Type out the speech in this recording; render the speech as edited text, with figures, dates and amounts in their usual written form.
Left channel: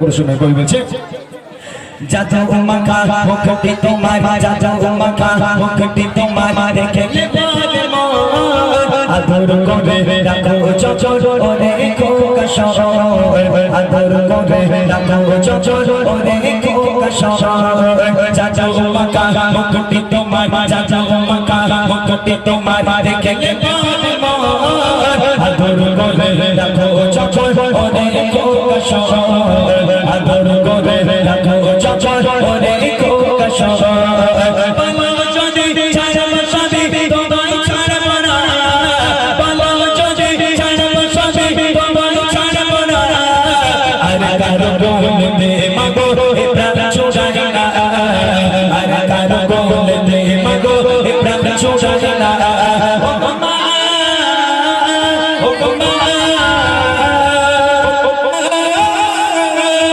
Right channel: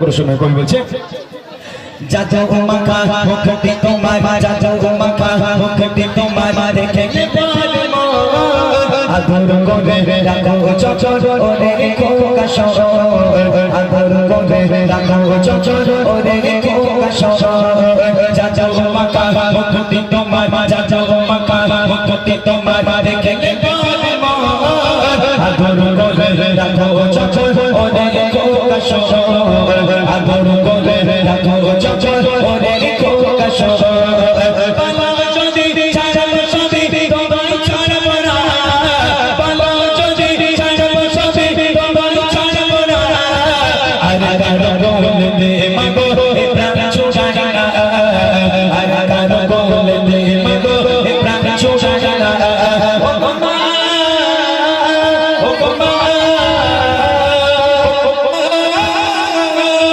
সময় কবি বলছে যাও মাখা মুখটি তোমার যাও মাখা মুখটি তোমার দেখে আদর করে রাখো চচর ওরে খোকা শহর আদর করে রাখো চচর ওরে খোকা শহর যাও মাখা মুখটি তোমার যাও মাখা মুখটি তোমার দেখে আদর করে রাখো চচর ওরে খোকা শহর আদর করে রাখো চচর ওরে খোকা শহর বাবা যদি ছাড়ব সাথী তোমায় ছাড়ব না বাবা যদি ছাড়ব সাথী তোমায় ছাড়ব না আর কারো